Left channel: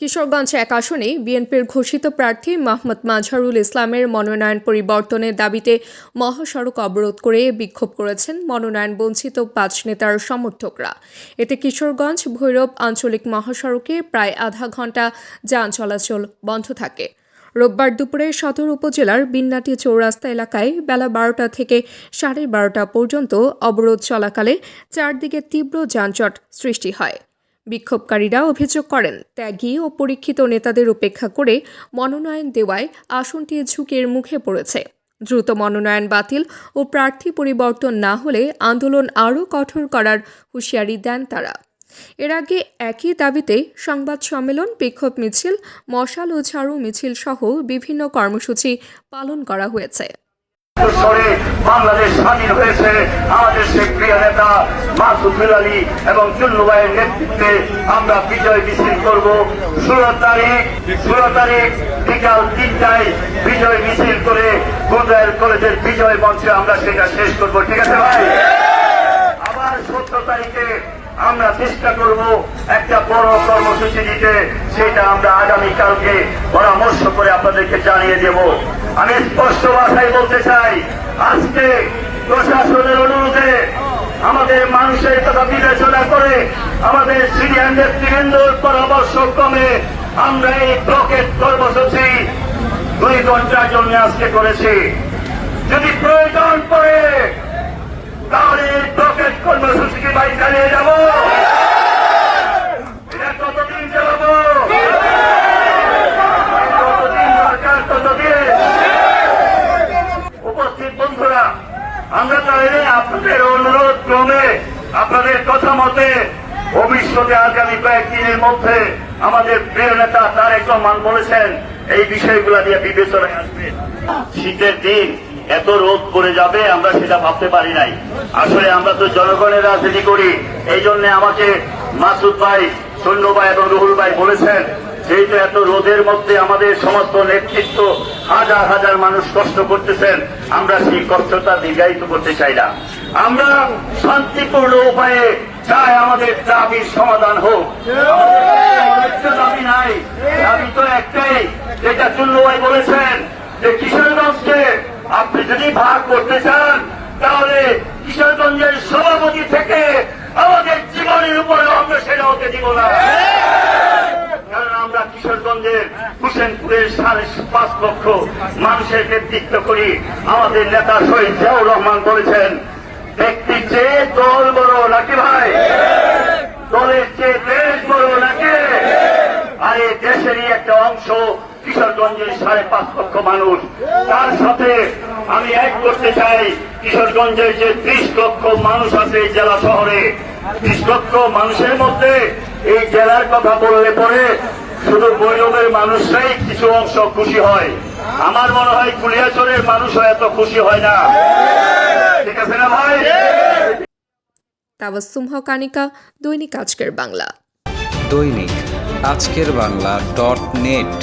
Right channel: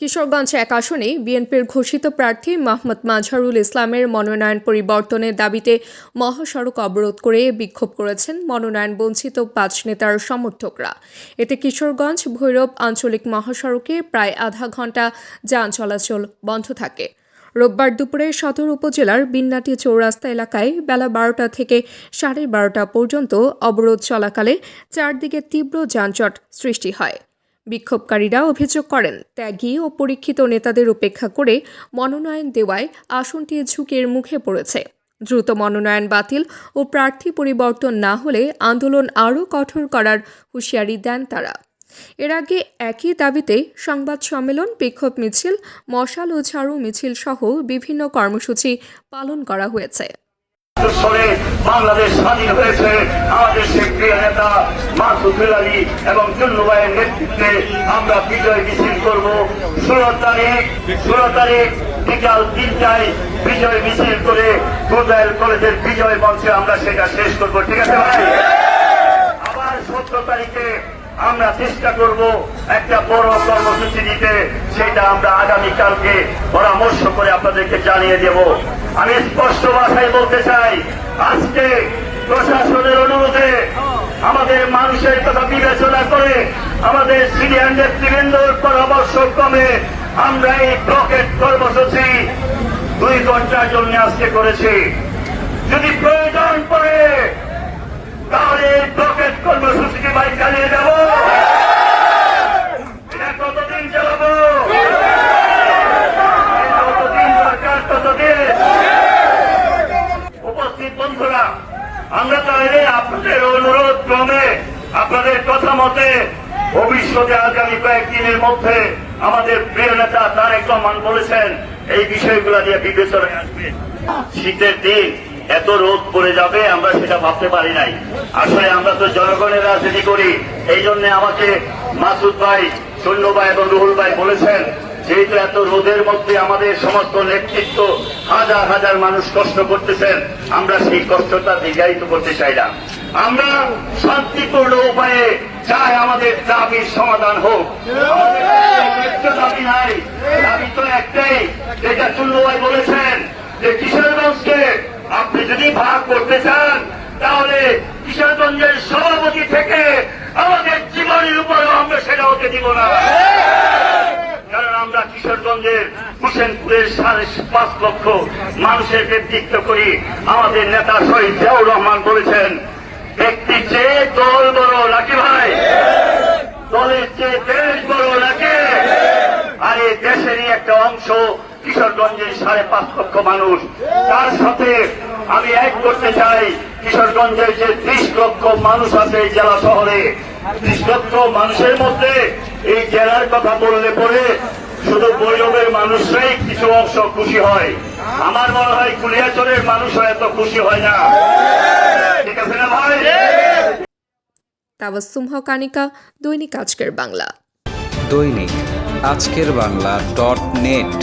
কিশোরগঞ্জ এক আসনে বিএনপির ঘোষিত প্রার্থী মোহাম্মদ মাজহারুল ইসলামের মনোনয়ন পরিবর্তনের দাবিতে মহাসড়ক অবরোধ করে বিক্ষোভ করেছেন মনোনয়ন বঞ্চিত ৫ নেতার সমর্থকরা। এতে কিশোরগঞ্জ ভৈরব আঞ্চলিক মহাসড়কে প্রায় আধা ঘণ্টা যান চলাচল বন্ধ থাকে। রোববার দুপুরে সদর উপজেলার বিন্নাটি চৌরাস্তা এলাকায় বেলা ১২টা থেকে ১২:৩০ পর্যন্ত অবরোধ চলাকালে চারদিকে তীব্র যানজট সৃষ্টি হয়। বিক্ষোভকারীরা অভিযোগ করেন, ত্যাগী ও পরীক্ষিত নেতাদের উপেক্ষা করে মনোনয়ন দেওয়ায় আসনটি ঝুঁকির মুখে পড়েছে। দ্রুত মনোনয়ন বাতিল ও প্রার্থী পরিবর্তন না হলে আন্দোলন আরও কঠোর করার হুঁশিয়ারি দেন তারা। এর আগে একই দাবিতে সংবাদ সম্মেলন, বিক্ষোভ মিছিল, মশাল ও ঝাড়ু মিছিল সহ বিভিন্ন কর্মসূচি পালন করা হয়েছে। বাংলাদেশ স্বাধীন হয়েছে আমাদের সেই প্রিয় নেতা মাসুদ আলী এবং চুন্নু ভাইয়ের নেতৃত্বে আমরা বিজয় মিছিল করব। 16 তারিখ বিকাল 3টায় বিজয় মিছিল করে গুলজার কলেজের বিজয় মঞ্চে আমরা সেটা শেষ করবো। ঠিক আছে ভাই? আবার 17 তারিখে আমরা চেষ্টা করব একটা বড় কর্মসূচি দিতে, সেটা আমরা আগামীকালকে পরামর্শ করে আপনাদেরকে জানিয়ে দেব। আমি স্পষ্ট ভাষায় বলতে চাই, আজকে প্রশাসনের অনুরোধে আমাদের মানুষের কথা বিবেচনা করে আমাদের সিনিয়র নেতৃবৃন্দর পরামর্শ ক্রমে আমরা এই ব্লকেট কর্মসূচি 2 ঘন্টার জন্য আজকে করেছি। যদি প্রয়োজন পড়ে তাহলে এই ব্লকেট কর্মসূচিকে ভাই চালিয়ে যাব। এটা কতদিন চালাবো? উপস্থিত বন্ধুরা, আমরা তাহলে আপনাদের অনুরোধ ক্রমে আপনাদের কথা মতে ভবিষ্যতে আগামী কয়েকদিনের মধ্যে আমাদের প্রিয় নেতা তারেক রহমান বলেছেন এই বিষয়গুলো নিয়ে বিবেচনায় আসবে। শীতের দিন এত রোদ পড়ে যাবে আমরা সেটা ভাবতে পারি নাই। আসলে আমরা তো জনগণের রাজনীতি করি, এই জন্য আমাকে মাসুদ ভাই, সৈন্য ভাই এবং রুহুল ভাই বলেছেন যেহেতু এত রোদের মধ্যে আমাদের সমস্ত নেতৃত্ব হাজার হাজার মানুষ কষ্ট করতেছেন, আমরা সেই কষ্টটা দীর্ঘায়িত করতে চাই না। আমরা শান্তিপূর্ণ উপায়ে চাই আমাদের দাবির সমাধান হোক। একটা দাবি নাই, দাবি তো একটাই, যেটা চুন্নু ভাই বলেছেন যে কিশোরগঞ্জকে আপনি যদি ভাগ করতে চান তাহলে কিশোরগঞ্জের সভাপতি থেকে আমাদের জীবনের উপরে আমরা সেটা হতে দিব না। কারণ আমরা কিশোরগঞ্জের হুসেনপুরের 5.5 লক্ষ মানুষের নেতৃত্ব করি। আমাদের নেতা শহীদ জিয়াউর রহমান বলেছেন, ব্যক্তির চেয়ে দল বড় নাকি ভাই, দলের চেয়ে দেশ বড় নাকি। আর এই দেশেরই একটা অংশ কিশোরগঞ্জের 5.5 লক্ষ মানুষ। তার সাথে আমি এক করতে চাই কিশোরগঞ্জের যে 30 লক্ষ মানুষ আছে এই জেলা শহরে, 30 লক্ষ মানুষের মধ্যে এই জেলার কথা বললে পরে শুধু ভৈরবের মানুষরাই কিছু অংশ খুশি হয়। আমার মনে হয় কুলিয়াচরের মানুষরা এত খুশি হয় না। ঠিক আছে না ভাই? তাবাসসুম হক আনিকা, দৈনিক আজকের বাংলা। দৈনিক আজকের বাংলা .net